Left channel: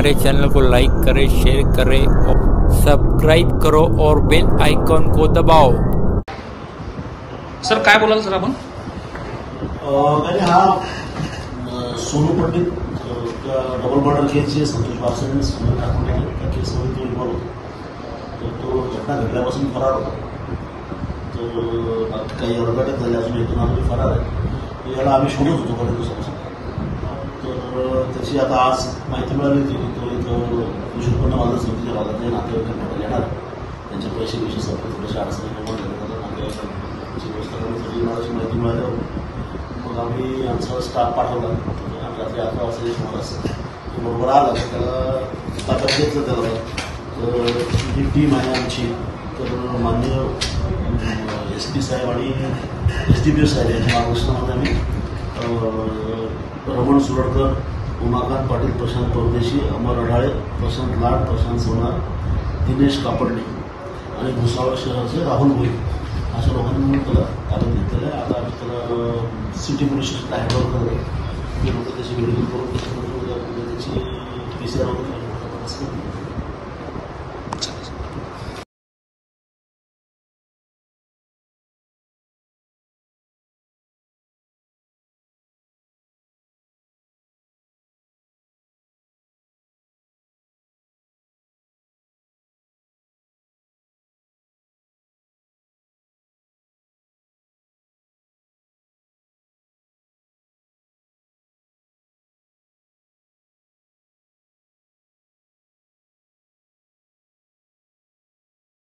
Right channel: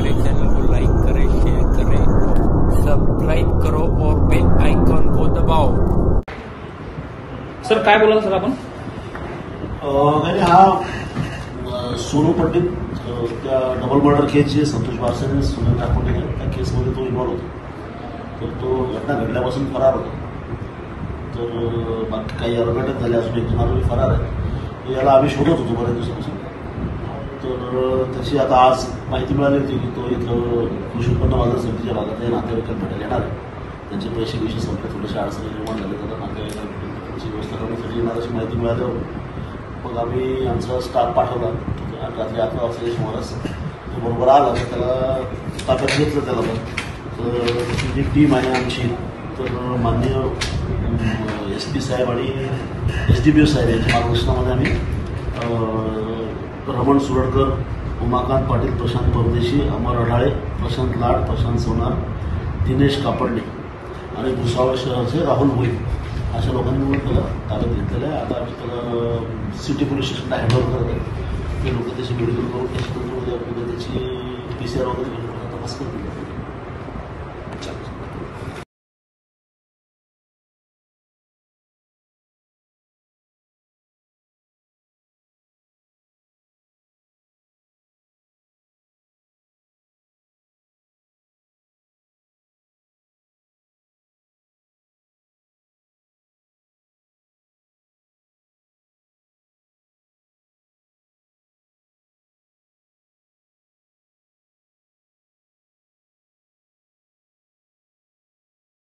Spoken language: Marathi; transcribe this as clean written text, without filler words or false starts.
हमारे चैनल को लाइक करें, शेयर करें और सब्सक्राइब करो और बेल आइकॉन को दबाओ। सर काय बोलाल सर आपण? हा सोनू पंडित त्या डबल मर्डर केसचे संतोष बारसाने सोनं टाकून गेले. त्या केसमध्ये तो इन्व्हॉल्व होता. तर तो घटना घडल्यापासून फरार होता. तर बाकी काही अर्घटक झाले असून एक आरोपी फरार आहे. याला आम्ही शोधत होतो बऱ्याच दिवसापासून. तर त्याची आता आज माहिती मिळाली होती की तो इथं कृषी उत्पन्न बाजार समितीच्या भागात नातेवाईकांकडे येणार आहे. त्यांचे पैसे विषय सगळे थोडेसे अडचणी निर्माण झाले तर नातेवाईकांची व्यवस्था करण्यासाठी येणार अशी माहिती मिळाल्यावर मग आम्ही आमचा स्टाफ पाठवला आणि रात्री 11 वाजता सुमारास तो बरोबर आला. त्याला ताब्यात घेतलं त्याला. तर त्याची जी टीम आहे आमची, तर माननीय SP साहेब आणि SDPO साहेब यांच्या मार्गदर्शनामध्ये आम्ही रमण सुरडकर, उमाकांत पाटील, प्रशांत परदेशी, अमर अढाळे, प्रशांत लाड, प्रशांत सोनार, दिनेश कापडणे आणि भुसावळ शहराचे राहुल भोई अशा लोकांनी मिळून त्याला ताब्यात घेतलेलं आहे. आता त्याला सिटी पोलीस स्टेशनला हँडओव्हर करत आहे. ते लोक त्याची मेडिकल करून त्याची PCR वगैरे तपास करतील.